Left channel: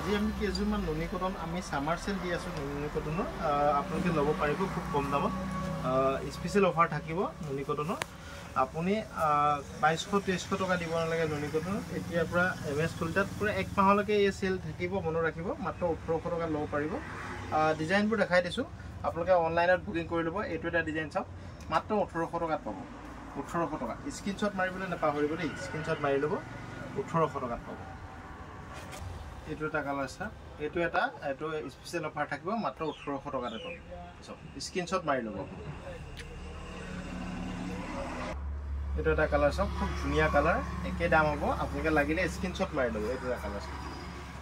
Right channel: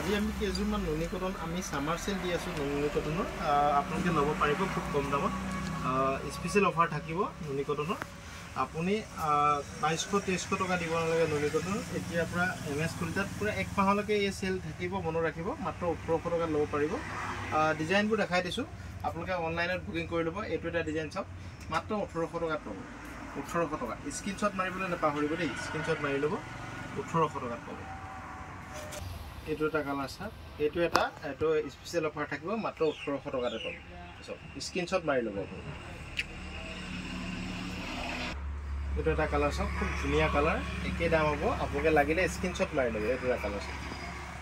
আজি আমি কেইযোৰমান নুনি কটন আমি সামাৰ সেল দি আছো নুনি কটনৰ আপোনালোকে ল'ব পাৰিব খুব কম দামত স্পেশাল অফাৰ থাকিব নুনি কটনৰ আপুনি 2200-2300 টকা দিব নালাগে নুনি কটনৰ এতিয়াৰ পৰা এমএছ কলিতাত পুৰা এক মাহলৈকে এই সেল থাকিব মনত ৰাখিব মাত্ৰ 1800 টকা ল'ব পাৰিব ডিজাইনবোৰ দেখাই দিছো আপোনালোকে অনলাইনত বুকিং কৰি ল'ব এইটো এটা ডিজাইন চাওক মাত্ৰ 1800 টকাত পাব 1800 টকা স্ক্ৰিনশ্বট মাৰিবলৈ নাপাহৰিব দেই স্ক্ৰিনশ্বট মাৰি ল'ব 1800 টকাত পাব এইটো এটা কালাৰ চাওক এইটো স্পেশাল অফাৰ থাকিব মাত্ৰ 1800 টকাতে পাব চাওক স্ক্ৰিনশ্বট মাৰি ল'ব এইটো এটা কালাৰ চাওক খুব ধুনীয়া কালাৰ একে দাম হ'ব আপোনালোকে লাগিলে স্ক্ৰিনশ্বট মাৰি ল'ব এইটো এটা কালাৰ চাওক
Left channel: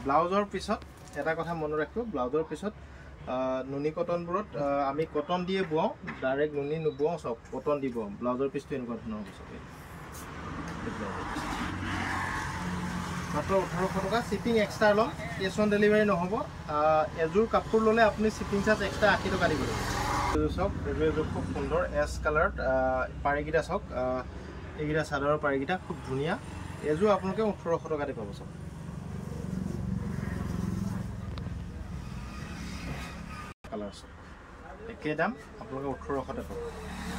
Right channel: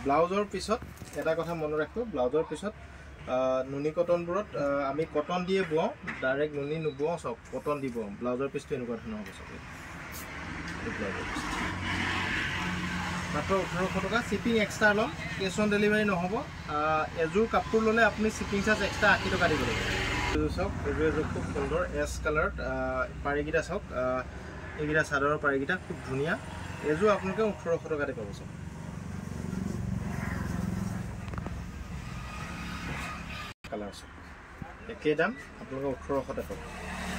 ব্লাউজৰ পিছত এটা কথা মনত ৰাখিব ব্লাউজৰ পিছত নুনি কটনবোৰত আমি কটন দিয়ে বুৱাও ডাইৰেক্ট নুনি নুবুৱাও সব কটন দিব ব্লাউজৰ পিছটো এনেকুৱা ধৰণৰ হ'ব সব মাত্ৰ 1800 টকা শিপিং এক্সট্ৰা লম কেছ অন ডেলিভাৰী নহ'ব এযোৰ কাপোৰ ল'লে আপুনি শিপিং চাৰ্জ এক্সট্ৰা 80 টকা দিব লাগিব এইযোৰ চাওক এইযোৰ খুব সুন্দৰ এছ কালাৰত পাৰিকিটা চাওক এইকেইটা চাদৰৰ পাৰিকিটা খুব ধুনীয়া এযোৰ আপোনালোকে 1800 টকাতে পাব চাওক কালাৰ চাওক একে দাম আপোনালোকে 1800 পাব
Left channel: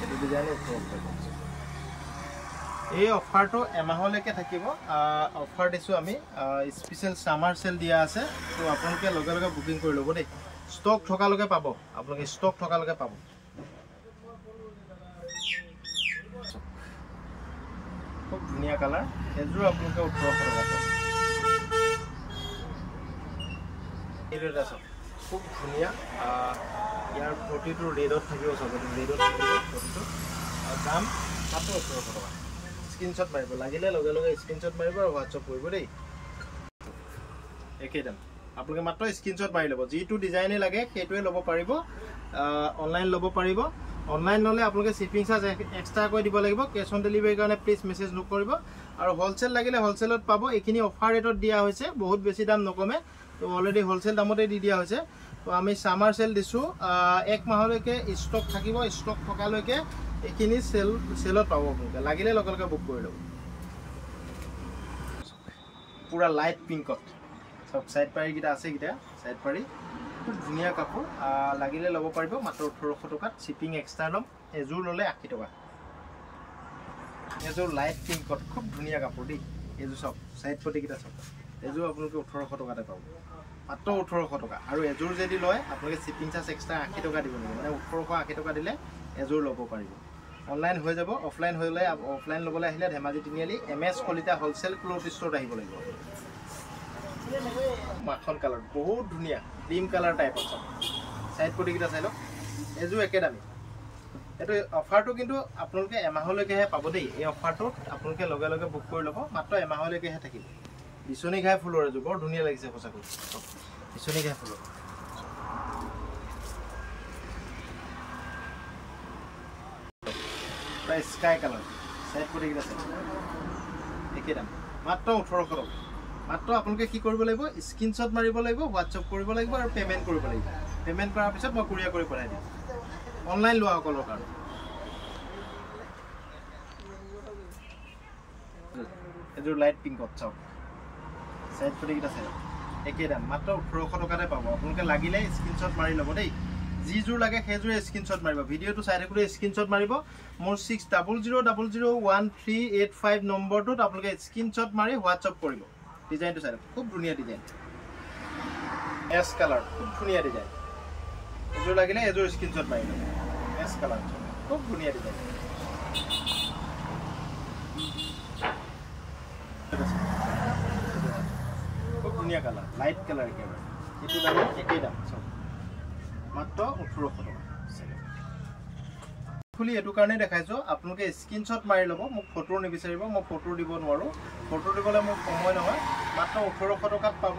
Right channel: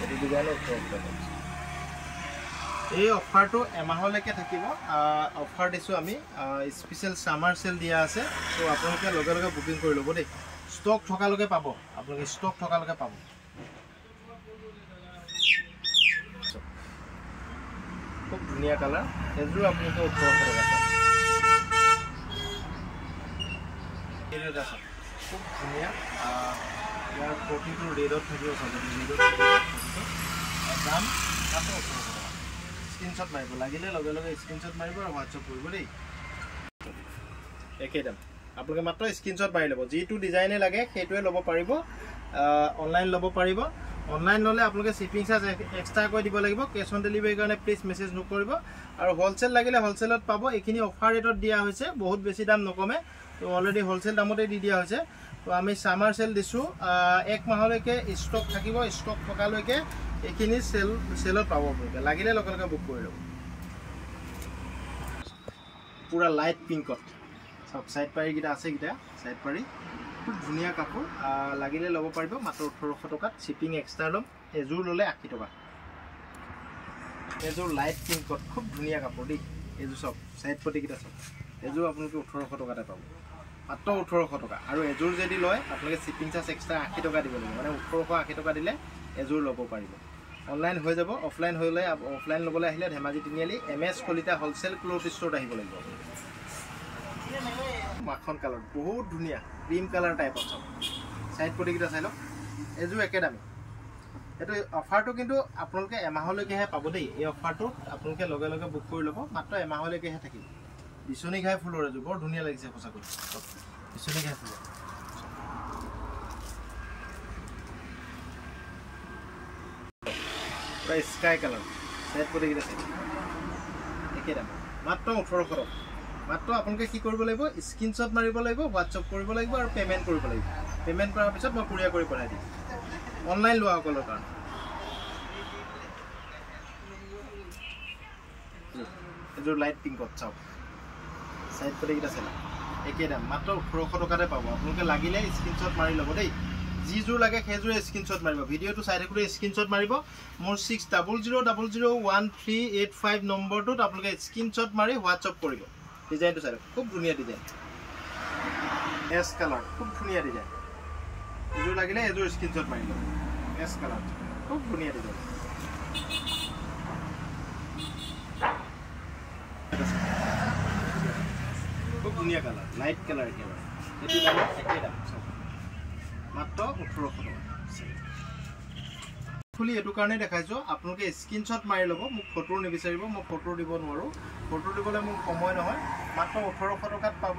এইটো ডিজাইনৰ 1800 পাব এই অফাৰটো এমাহলৈকে থাকিব অফাৰ দিছো আমি স্পেশাল সামাৰ সেল দিয়া আছে তো আপোনালোকে লগে লগে বুকিং কৰি ল'ব দেই ষ্টক থকালৈকে পাব আপোনালোকে ষ্টক থকালৈকে পাব খুব ধুনীয়া কালাৰ এযোৰ আপোনালোকে 1800 টকা পাব এইটো এটা চাওক খুব ধুনীয়া ইয়াৰ প্ৰতিটো ৰেডত থাকিব চাব ৰেডত থাকিব দাম মাত্ৰ 1800 টকা স্ক্ৰিনশ্বট মাৰিব লাগিলে লগে লগে স্ক্ৰিনশ্বট মাৰিব আৰু হোৱাটছআপ কৰিব দেই একে দাম আপোনালোকে মাত্ৰ স্ক্ৰিনশ্বট মাৰি ল'ব যিটো ডিজাইনে লাগে সেইটোৱে ল'ব পাৰিব অনলাইন ল'ব পাৰিব অনলাইন ল'লে আপোনালোকে শিপিং চাৰ্জ এক্সট্ৰাকৈ দিব লাগিব কেছ অন ডেলিভাৰীৰ কাৰণে প্লিজ মেছেজ নকৰিব আৰু হোলচেল লাগিলে হোলচেলত পাব এইখিনি অফাৰ ৰেটত দিয়া হৈছে বহুত বেছি দাম নকমে তো অলৰেডি হোলচেল দামতে দি দিয়া হৈছে তো আমি সামাৰ সেল দিছো এক মাহলৈকে ষ্টক থাকিব ষ্টক থকালৈকে এইখিনি সেলত পাব আপোনালোকে লাগিলে লগে লগে বুক কৰি ল'ব পুৰা লাইট পিংকত সব সাইড পাৰি কিটা আছে কিটা সাইড পাৰি খুব ধুনীয়া কাপোৰ লাগিলে ল'ব পাৰিব মাত্ৰ 1800 টকাত শিপিং এক্সট্ৰা ল'ম এযোৰ ল'লে 80 টকা এযোৰ লাইট পিংকত খুব ধুনীয়া কাপোৰ দেই এযোৰ সব সাইড পটি কিটা সব এযোৰ আপোনালোকে 1800 টকাতে পাব মাত্ৰ 1800 টকা আৰু এযোৰ যদি লয় আপোনালোকে শিপিং চাৰ্জ এক্সট্ৰা 80 টকা দিব লাগিব মানে 1880 টকা দিলে এযোৰ ল'ব পাৰিব অনলাইন হৈ যাব অফলাইন হ'লে অফলাইন ল'বলৈ আহিলে ধেমাজি তিনিআলি এমএছ কলিতা হোলসেল ক্লথ ষ্ট'ৰত আহিব লাগিব মাখন কালাৰ বহুত ধুনীয়া ক্ৰীম কালাৰ টাইপৰ সব সাইড পটি কিটা চাই লওক এযোৰ একে দামী এইটো অফাৰটো কিন্তু আপোনালোকে এমাহলৈকেহে পাব দেই এই অফাৰটোত আপোনালোকে লগে লগে বুক কৰি ল'ব মাত্ৰ এমাহলৈকেহে থাকিব বিচনী ঘাই ফুলৰ এযোৰ বৰ ধুনীয়া লাগিছে সঁচাকৈ বিচনী ঘাই ফুলৰ স্কাই কালাৰ সাইড পটি কিটা চাই একে দাম মাত্ৰ 1800 টকা মাত্ৰ আপোনালোকে কি কৰিব লাগিব স্ক্ৰিনশ্বট মাৰিব লাগিব হোৱাটছআপ কৰিব লাগিব আৰু পেমেন্ট কৰিব লাগিব পেমেন্ট কৰাৰ পিছত মই কুৰিয়াৰ কৰি পঠাই দিম অনলাইন লোৱা সকলৰ কাৰণে এযোৰ লাইট পিংকত চাওক সাইড পটি কিটা চাই একে দাম মাত্ৰ 1800 টকাতে পাব আপোনালোকে লাগিলে স্ক্ৰিনশ্বট মাৰি ল'ব দেই যিযোৰ লাগে সেইযোৰে স্ক্ৰিনশ্বট মাৰিব ভিডিঅ'টো চাই থাকোঁতে স্ক্ৰিনশ্বট মাৰিব মোৰ 6000001385 নম্বৰটোত আপোনালোকে স্ক্ৰিনশ্বট মাৰি হোৱাটছআপ কৰিব ডিজাইনটো চাই খুব ধুনীয়া ডিজাইন এছ কালাৰ খুব ধুনীয়া ডিজাইন এযোৰ লাগিলে এযোৰ স্ক্ৰিনশ্বট মাৰি ল'ব এছ কালাৰ খুব ধুনীয়া ডিজাইন খুব ধুনীয়া কালাৰ লাইট কালাৰ একেবাৰে এইটো দাম একেই দাম চব মাত্ৰ 1800 টকা খুলি এইটো কাৰণে দেখাইছো আপোনালোকে স্ক্ৰিনশ্বট মাৰি ল'ব মোক ফটো নিবিচাৰিব মই ফটো দিব নোৱাৰো ফটো দিবলৈ মোৰ সময় নহয় মাত্ৰ 1800 টকাত পাব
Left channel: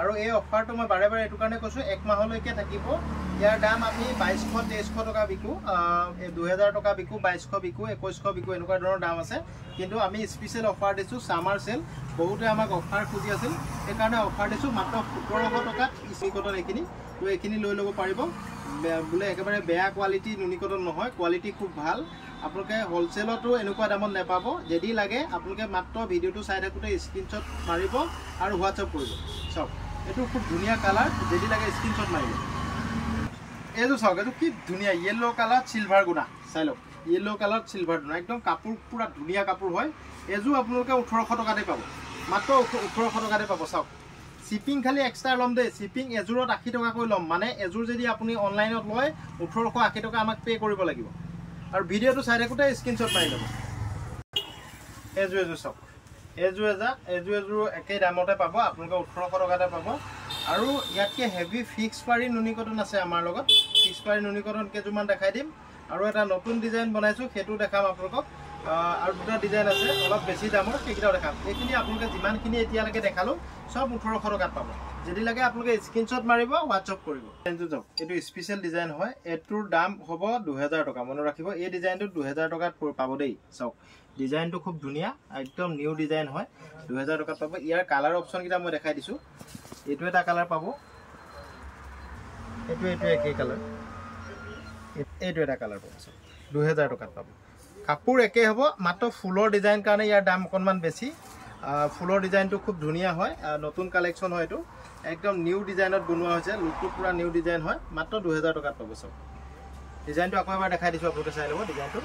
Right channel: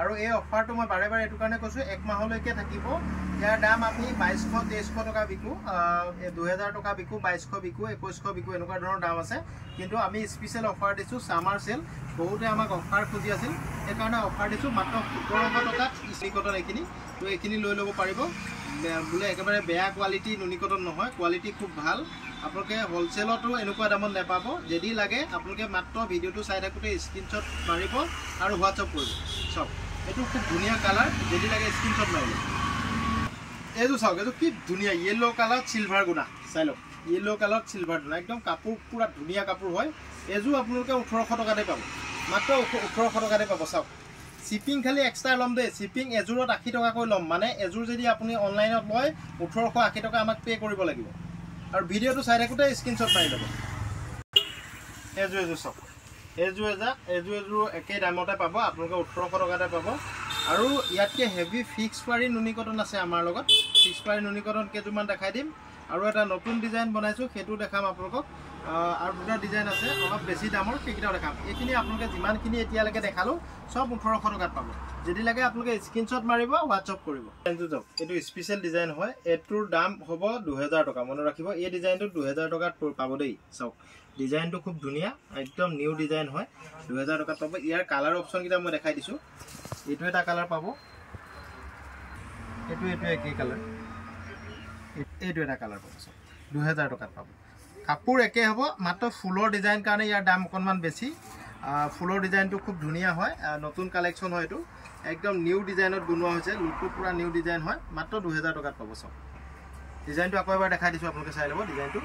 আৰু এই অফাৰটো মই বাৰে বাৰে এইটো কাৰণে কৈছো এক মাহলৈকে থাকিব ইয়াৰ দাম আমি 2200-2300 টকা বিকো 2000 টকা বিকো 2200 বিকো 2100 বিকো এনেকুৱা ধৰণৰ দাম আছে কিন্তু আমি স্পেশাল অফাৰ দিছো সামাৰ সেল বহুতে আমাক অফাৰ খুজি আছিল এই কাৰণে অফাৰ দিছো মাত্ৰ 1700 টকাত ইস্ত্ৰি কটন এইখিনি তো এইখিনি লৈ ল'ব পাৰিব বোলে একেবাৰে বেয়া কোৱালিটি নুনি কটন নহয় কোৱালিটি খুব ভাল আপোনালোকে হোলসেলতো এনেকুৱা দামত নেপাব যদি লাগে আপোনালোকে মাত্ৰ ভিডিঅ'টো চাই থাকোঁতে স্ক্ৰিনশ্বট মাৰিব আৰু হোৱাটছআপ কৰিব সব এইটো খুব ধুনীয়া কালাৰ, যদি লাগে স্ক্ৰীনশ্বট মাৰিব। এইটো চাওক, এইটো কি ধুনীয়া য়েল্ল' কালাৰ চিলভাৰ গুণা, চাই লওক য়েল্ল' কালাৰ চিলভাৰ গুণা, একদম কাপোৰ পুৰা ধুনীয়া কাপোৰ হয়। এযোৰ আপোনালোকে 1800 টকাতে পাব, মাত্ৰ 1800 টকাতে পাব। চাওক শ্বিপিং খালি এক্সট্ৰা ল'ম দেই, শ্বিপিং এযোৰত 80 টকাকৈ ল'ম, মানে এযোৰ যদি আপুনি অনলাইনত লয় 1880 টকা আমাক পে' কৰিব লাগিব। আৰু ভিডিঅ'টো চাই থাকোঁতে স্ক্ৰীনশ্বট মাৰি ল'ব। এযোৰ চাওক, এযোৰ একেই দামতে পাব, আপোনালোকে 1800 টকাতে পাব। আৰু ইয়াতকৈ হেভি ফিক্স পাৰি নুনি কটন আছে আমাৰ লগত, ফিক্স পাৰি নুনি কটন কেইযোৰমান দেখাই দিম। আৰু এটা নতুন ডিজাইন বনাইছোঁ, সেইটো দেখাম আপোনালোকক। আৰু দুটা ডিজাইন আছে অলপ বেছি দামৰ, সেইকেইটাও দেখাম। এইখিনি আপোনালোকে যিমানখিনি এতিয়ালৈকে দেখালোঁ চব 1800 টকাত পাব। যদি লাগে আপোনালোকে স্ক্ৰীনশ্বট মাৰিব, হোৱাটছআপ কৰিব। ডিজাইনটো চাওক, এইটো স্পেচিয়েল ডিজাইন হয়, এইটোৰ দাম হ'ব 2000 টকা, মনত ৰাখিব। এই ডিজাইনটো 2000 টকাত পাব দেই। চাওক ডিজাইনটো খুব ধুনীয়া, একদম নিউ ডিজাইন হয়, 2000 টকাত পাব। ইয়াৰ কালাৰ অপশ্যনকেইটা মই দেখাই দিছোঁ। এইটো এটা কালাৰ পাব, এইটো একেই কালাৰ, এইটো এটা কালাৰ পাব। চাওক 2000 টকাত পাব। কাপোৰ একে হ'ব, মাত্ৰ ফুলৰ ডিজাইন কাৰণে ইয়াৰ দাম অকণমান বেছি। ফুলৰ ডিজাইনটো খুব ধুনীয়া হয়, নতুন কালেকশ্যন হয়, এইটো একদম নিউ ডিজাইনত বনোৱা হৈছে, লুকটো পূৰা নিউ ডিজাইন হয়, মাত্ৰ 2000 টকাত পাব। চাওক ডিজাইনটো আকৌ এবাৰ দেখাই দিছোঁ, আপোনালোকে চাই ল'ব। ডিজাইনটো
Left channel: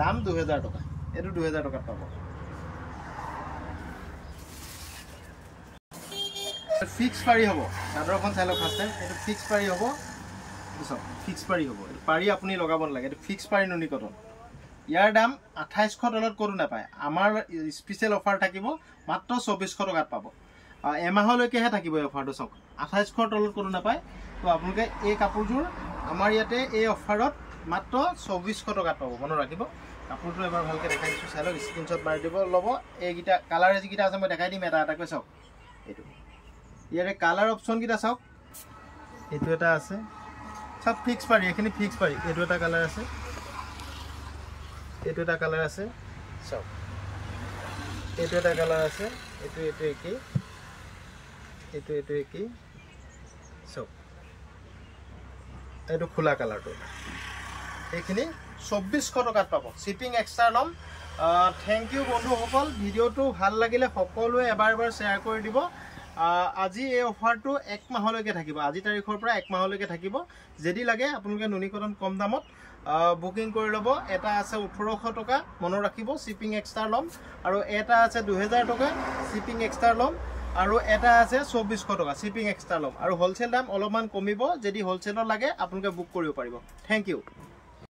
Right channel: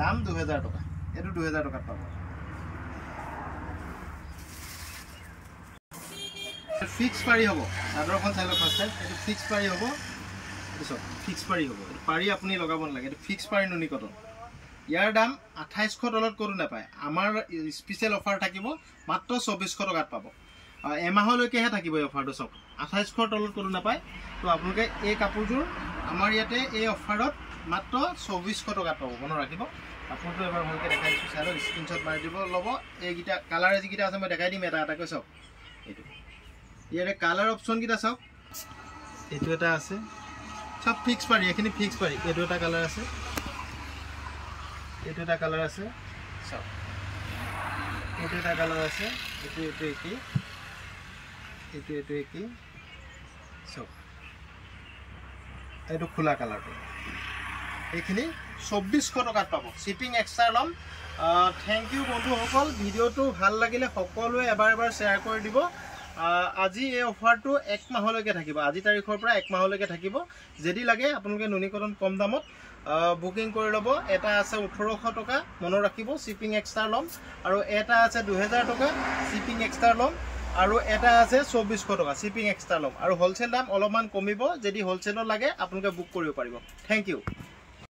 দাম 2000 টকা, এইটো 2000 টকাত পাব। ফিক্স পাৰি হ'ব, চাদৰখন চাই লওক ফাৰ্ষ্ট টাইম। এইটো ফিক্স পাৰি হ'ব, এইটো চাওক ফিক্স পাৰি হ'ব, এইটো পাৰি আপুনি লগাব নালাগে, এইটো ফিক্স পাৰি নুনি কটন। ইয়াৰ দাম 2800 তলত ক'তো নাপায়। আমাৰ স্পেচিয়েল অফাৰ থাকিব, মাত্ৰ 2400 টকাত পাব। এমাহলৈকেহে থাকিব এই অফাৰটো। চাওক 2800 তলত ক'তো নাপায়। তো আপোনালোকে এই কাপোৰযোৰ আমাৰ ইয়াতে এই অফাৰত মাত্ৰ 2400 টকাত পাব, মনত ৰাখিব। কাপোৰটো এবাৰ ভালকৈ দেখাই দিছোঁ, চাই লওক, স্ক্ৰীনশ্বট মাৰি দিব। ল'ব এইকেইটা কালাৰ যিকেইটা আছে মই দেখাই দিম এটা এটাকৈ। চাওক এইটো ইয়াৰে কালাৰ অপশ্যনকেইটা চাওক, এইটো এটা আছে, চব ফিক্স পাৰি, এইখিনি ফিক্স পাৰি। এইটো এটা কালাৰ আছে, এইটো এটা কালাৰ আছে, চাওক এইটো এটা কালাৰ আছে, এইটো একেই, এইটো একেই। চাওক এইটো খোলা কালাৰটো, এইখিনি 2400 টকাত পাব, শ্বিপিং এক্সট্ৰা ল'ম। থেংক ইউ বন্ধুসকল, ভিডিঅ'টো ভাল লাগিলে সকলোৱে এবাৰ শ্বেয়াৰ কৰি দিব। আজি এই অফাৰটো 1 মাহলৈকে থাকিব, আজি তাৰিখৰ পৰা 1 মাহলৈকে থাকিব। যদি লাগে আপোনালোকে নুনি কটন কম দামত বুকিং কৰি ল'ব। এটা আছে 1800 টকা, মনত ৰাখিব, শ্বিপিং এক্সট্ৰা ল'ম। আৰু এটা আছে 2000 টকা, শ্বিপিং এক্সট্ৰা ল'ম। আৰু এটা আছে 2400 টকা, শ্বিপিং এক্সট্ৰা ল'ম। আৰু হ'লচেল দাম অলপমান কমিব, যদি হ'লচেলত লাগে আপোনালোকে বুক কৰিব পাৰিব। Thank U.